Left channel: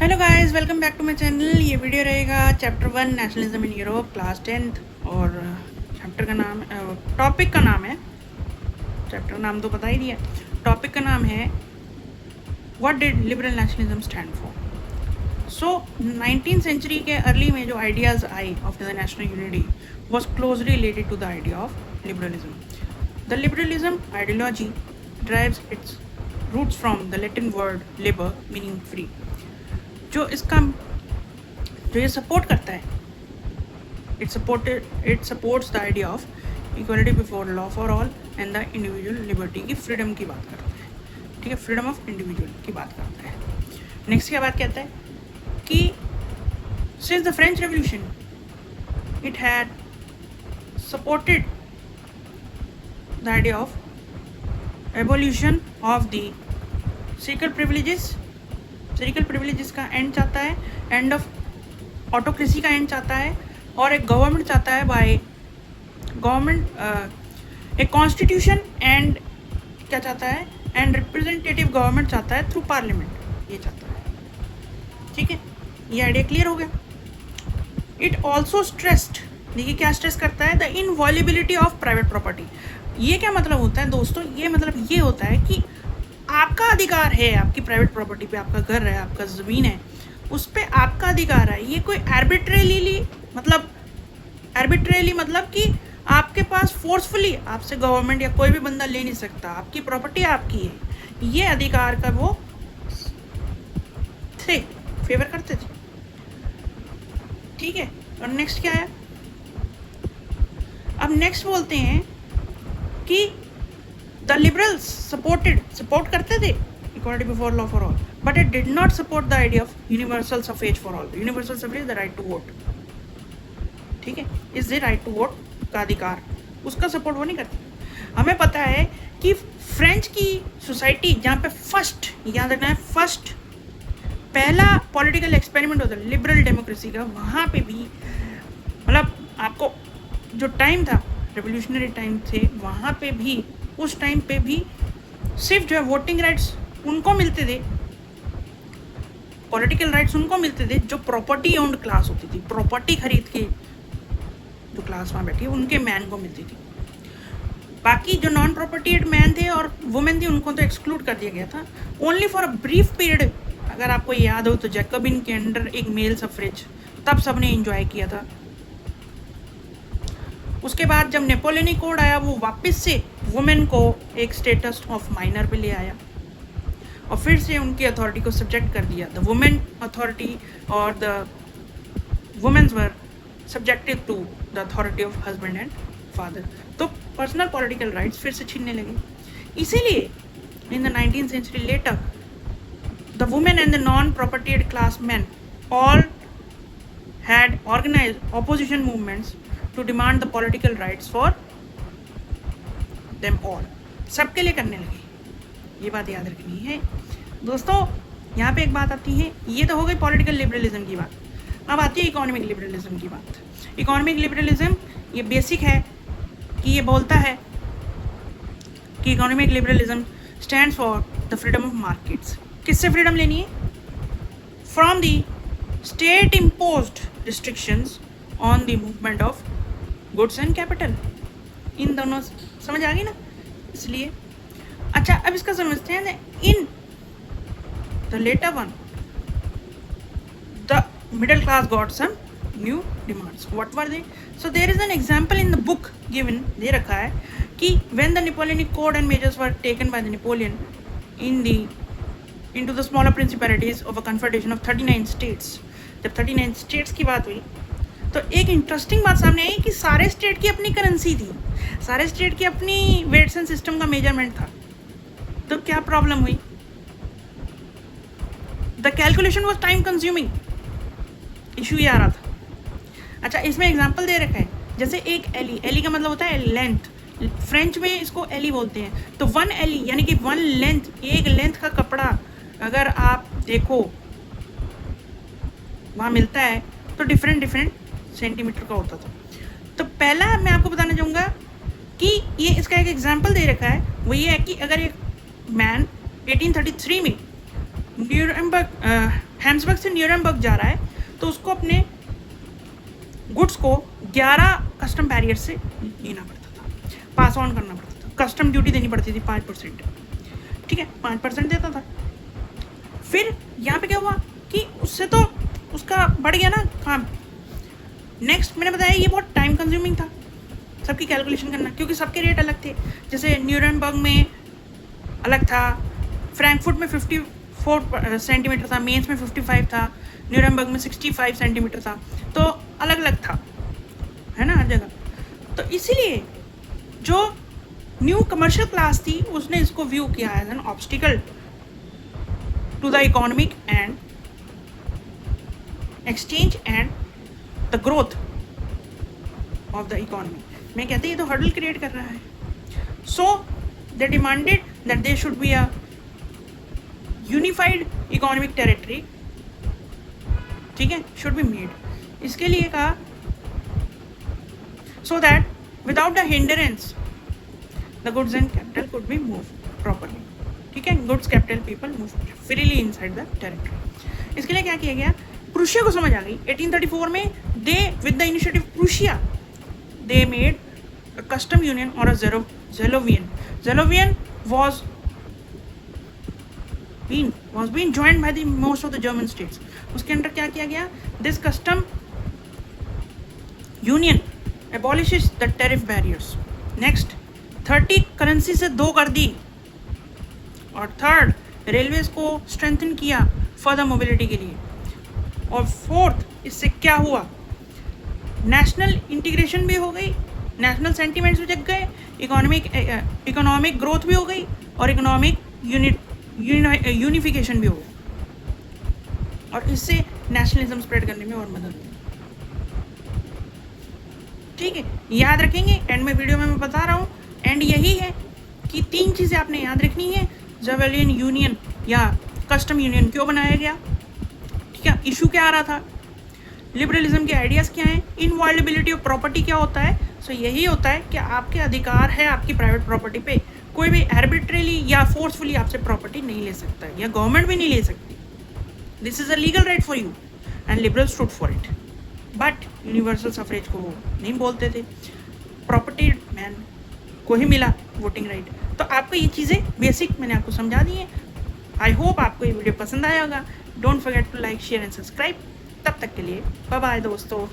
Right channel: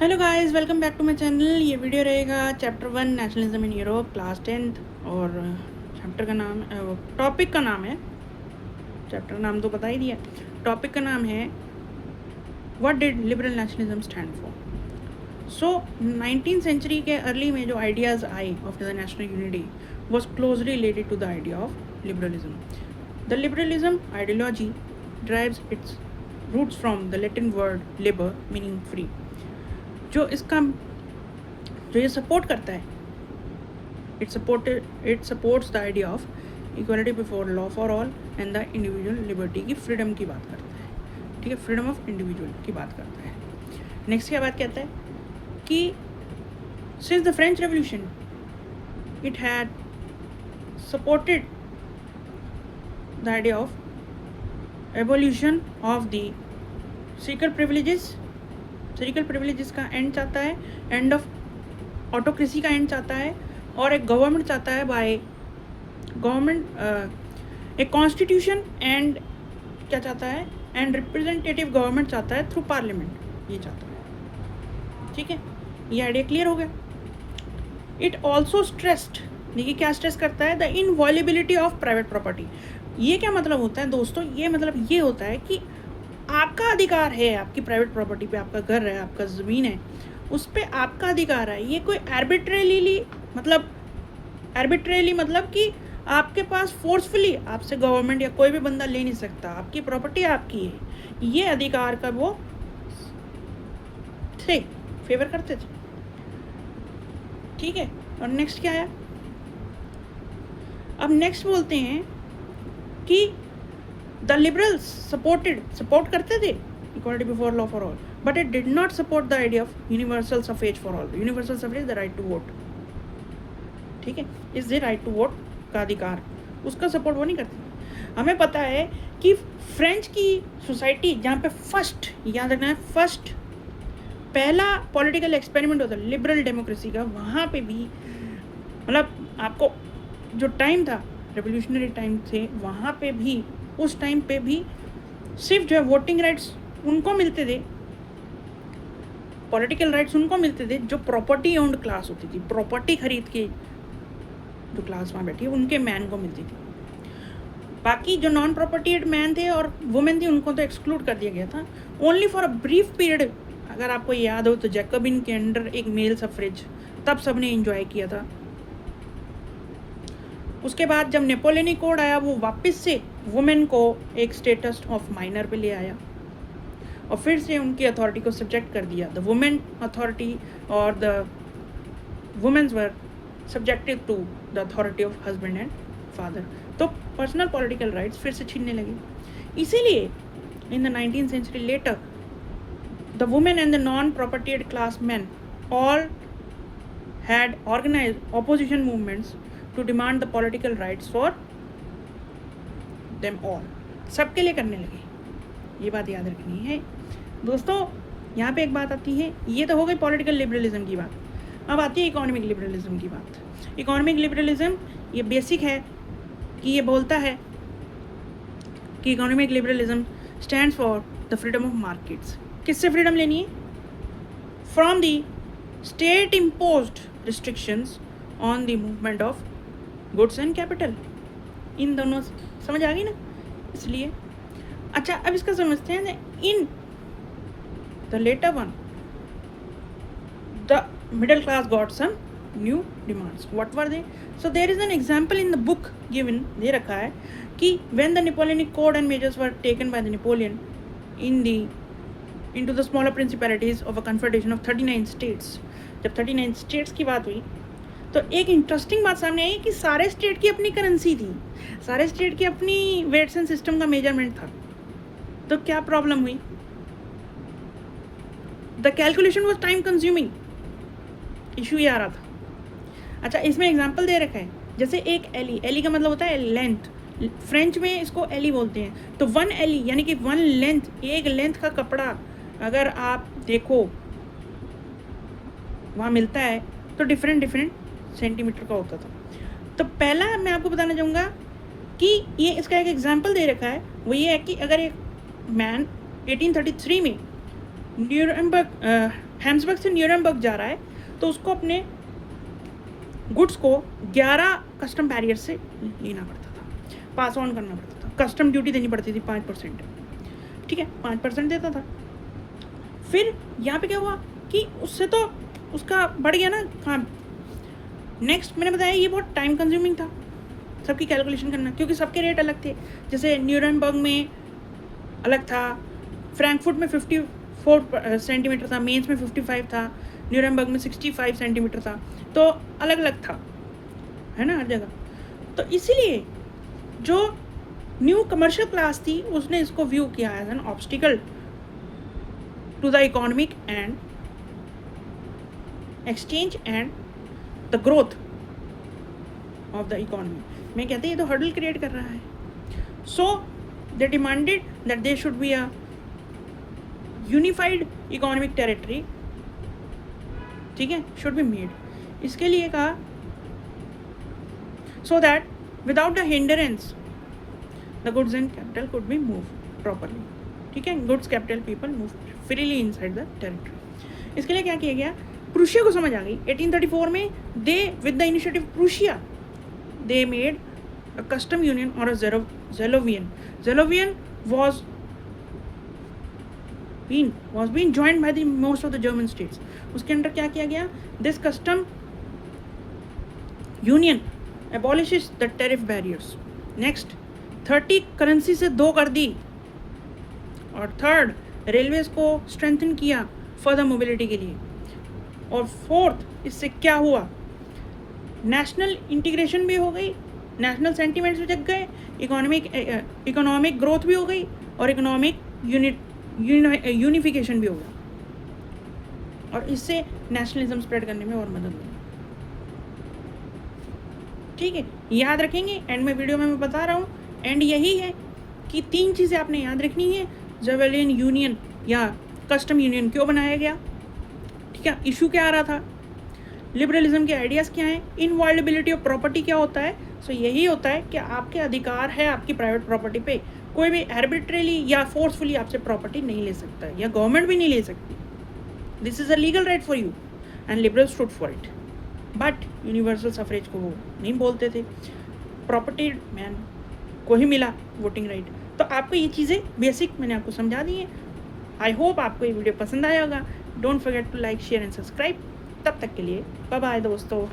Hello guys, welcome back to my channel. ये video रहेगा chapter 1 nationalism in Europe class 10th। और chapter का नाम टॉपिक का नाम है, चैप्टर नाम तो बता ही दिया। टॉपिक का नाम है what did liberal nationalism stand for. So 19th century के अर्ली में जो आइडियाज़ आए of the national unity was closely related to the idea of liberalism. The liberalism ideology drives its roots from the Latin word liber meaning free. जो ये support करता है, it supports the idea of equality before law for all and the individual liberty की freedom की बात करता है। ठीक है, फ्रीडम ऑफ इंडिविजुअल की बात करता है। नेक्स्ट क्या बात कहता है कि since the French revolution it had supported the idea of evolution of the seeker privileges का एंड चाहता है, एंड ऑफ ऑटोक्रेसी का एंड चाहता है, और एक गवर्नमेंट चाहता है बाय गवर्नमेंट एक कॉन्स्टिट्यूशन एंड क्या चाहता है, एंड रिप्रेजेंटेटिव गवर्नमेंट चाहता है थ्रू पार्लियामेंट, ये चाहता है। ठीक है, ये आइडिया क्लियर हो गया। इट ऑल्सो स्ट्रेस्ड, देखिए क्या स्ट्रेस करता है, द इनवॉल्युबिलिटी ऑफ प्राइवेट प्रॉपर्टी। ये क्या मतलब होता है दोस्तों, ये मतलब ये होता है कि आपका अधिकार है, आपकी प्राइवेट प्रॉपर्टी पे, आपका घर है, आपका ज़मीन है, उस पर आपका अधिकार है। ये कोई आर्बिट्रेरली मतलब कि आपके पास फोर्सफुली आपसे गवर्नमेंट या कोई भी बंदा ले नहीं सकता। आपकी प्रॉपर्टी आपकी है, ये अधिकार का वो थे, फेवर करते थे। ठीक है, और नेक्स्ट क्या है, अब नेक्स्ट बोलते हैं कि द लिबरल्स सपोर्ट करते थे equality before law for all, but it did not support the idea of universal suffrage for all. Universal suffrage the right to vote, ठीक है, is the right to vote का अधिकार, उसका support वो नहीं करती। हमें पता है कि फ्रेंच की सोसाइटी जहाँ पे फर्स्ट, याद रखना है, फर्स्ट पहला पॉलिटिकल एक्सपेरिमेंट होता है लिबरल डेमोक्रेसी का, वहाँ पे भी मतलब आपको जो टाइम था, रेवोल्यूशनरी टाइम थे, वहाँ पे भी उस टाइम पे भी सिर्फ जो है वोटिंग राइट्स उनको मिलते थे, पॉलिटिकल राइट्स उनको मिलते थे जो प्रॉपर्टी ओन्ड क्लास होती थी। प्रॉपर्टी खरीद के जो क्लास वहाँ बैठी उनके मैन को मिलती थी। बाकी जो नॉन प्रॉपर्टीड मैन थे और वुमेन थी उनको तो एक्सक्लूड कर दिया गया था, only for a brief period. अगर आपको याद हो तो जैकबिन के अंडर एक मेल सफरेज, तब सबने एंजॉय किया था। उसके बाद जब नेपोलियनिक कोड आया, वो वापस से वुमेन को एक स्टेटस ऑफ माइनर पे ले आया और फिर से उनकी अथॉरिटी को सब्जेक्ट कर दिया। द वुमेन अथॉरिटी और the womens were subjected to the authority of husband and father. तो पर्सनल पॉलिटिकल राइट्स फिर से छीनने लगे। इसीलिए in the 19th century later the women and the non propertied class men all had organised opposition movements to demand the political rights for them all. सबके लिए करने लगे, ये बात याद रखनी है दोस्तों। यहाँ पे एक बात आती है, ये तो हो गई पॉलिटिकल लिबरलिज्म की बात, अब आती है इकोनॉमिक लिबरलिज्म की बात। इकोनॉमिक लिबरलिज्म ये बेसिक है कि ये बोलता है कि economic liberalism stands for the freedom of markets. किससे फ्रीडम लेनी है? From the state imposed restrictions on the movement of goods and capital. इन दोनों समझ आ गई ना, इसलिए अच्छा अब इसका समझते हैं। In the latter one the middle class got some new demands. What were they? So there is an example in the book given, दे रखा है कि when the Napoleonic code and measures were taken by the Napoleon into the smaller principalities of a confederation of 39 states। जब 39 states की बात हुई तो एक इंटरेस्टिंग बात सामने आई कि सारे स्टेट की अपनी करेंसी थी, सारे स्टेट की अपनी वेट्स एंड सिस्टम का मेजरमेंट था। तो क्या प्रॉब्लम हुई? The calculation was time consuming, issue ये आ रहा था। अच्छा, इसमें एग्जाम्पल दे रखा है, जैसे एक एली का मतलब होता है लेंथ, फ्रेंच में इसको एली बोलते हैं। तो 1 एली यानी कि 1 लेंथ, एक लेंथ का कपड़ा अगर आप देखो वहाँ मिलता है तो डिफरेंट सेंटीमीटर का होता था। तो पहला मैं आपको बताना चाहूँगा कि ये इसका एक एग्जाम्पल दे रखा है, वो ये है कि अगर एक मैन 1833 में न्यूरेमबर्ग हैम्सबर्ग से न्यूरेमबर्ग जा रहा है तो उसको अपने गुड्स को 11 कस्टम बैरियर से लेना पड़ता था, पास ऑन करना पड़ता था, कस्टम ड्यूटी देनी पड़ती थी 5%, ठीक है, 5% देता था। फिर यहाँ पे क्या हुआ कि उससे तो उसका बढ़ गया ना काम। नेक्स्ट मैंने बताया ये बहुत टाइम कंज्यूमिंग था सबकी कैलकुलेशन करना, क्योंकि सबके रेट अलग थे। जैसे न्यूरेमबर्ग में अलग था, फ्रैंकफर्ट में 54 सेंटीमीटर था, मेंस में 55 था, न्यूरेमबर्ग में 65 सेंटीमीटर था, तो अलग अलग था, है ना, हर जगह। तो इसीलिए जो न्यू कमर्शियल क्लास थी उसने इसको व्यू किया as an obstacle to the economic and exchange and the growth of the economy. मैं कहते हैं ये तो हर्डल क्रिएट कर रहा है। So they demanded that they should be a unified economic territory, ठीक है, शुड बी मेड। इसके लिए कहा so that without the hindrance the goods and capital could be move properly, ठीक है, goods capital people move freely inside the territory. इसके लिए क्या किया गया, प्रूशिया को समझ आ गई 1834 में, they with the initiative Prussia they made a custom union और a Zenovian was being joined by the most of the German states. उसके अंदर क्या किया गया, this custom union abolishes the tariff barriers. Next 30 currency से 2 कर दी, और third railways को स्ट्रेंथन किया फर्दर मोबिलिटी के लिए, और फोर्थ इससे क्या हुआ, नेशनल इंटीग्रेशन भी हो गई, नेशनल सेंटिमेंट्स भी जग गए, इकोनॉमिक ग्रोथ भी हो गई, और इकोनॉमिक यूनिफिकेशन भी हो गया, और इससे नेशनलिज्म स्प्रेड करने में और मदद हुई, ठीक है। याद रखेंगे, एंड में वीडियो में मैं बता रहा हूँ, एंड यही है कि 3 चीज़ें आपने याद रखनी है। ज़ेवेलियन यूनियन या कस्टम यूनियन क्यों बनाया गया, ठीक है, इशू क्या आ रहा था, लिबरलिज्म के आइडियाज़ क्या हैं, इनवायलेबिलिटी ऑफ प्रॉपर्टी क्या होता है। सो यही होता है कि आपके अधिकार है आपकी प्राइवेट प्रॉपर्टी पे, कोई भी आर्बिट्रेली या फोर्सफुली आपसे प्रॉपर्टी नहीं ले सकता है, या गवर्नमेंट भी नहीं ले सकती। This is a legal right for you and liberals stood for it, but universal suffrage को वो नहीं बोलते थे, प्रॉपर्टी मैन को ही मिला वोटिंग राइट। तो आपको ये चीज़ें बेसिक मैंने आपको समझा दी हैं। आई होप आपको ये वीडियो पसंद आया होगा। Don't forget to like, share and subscribe. तब तक के लिए बाय बाय दोस्तों।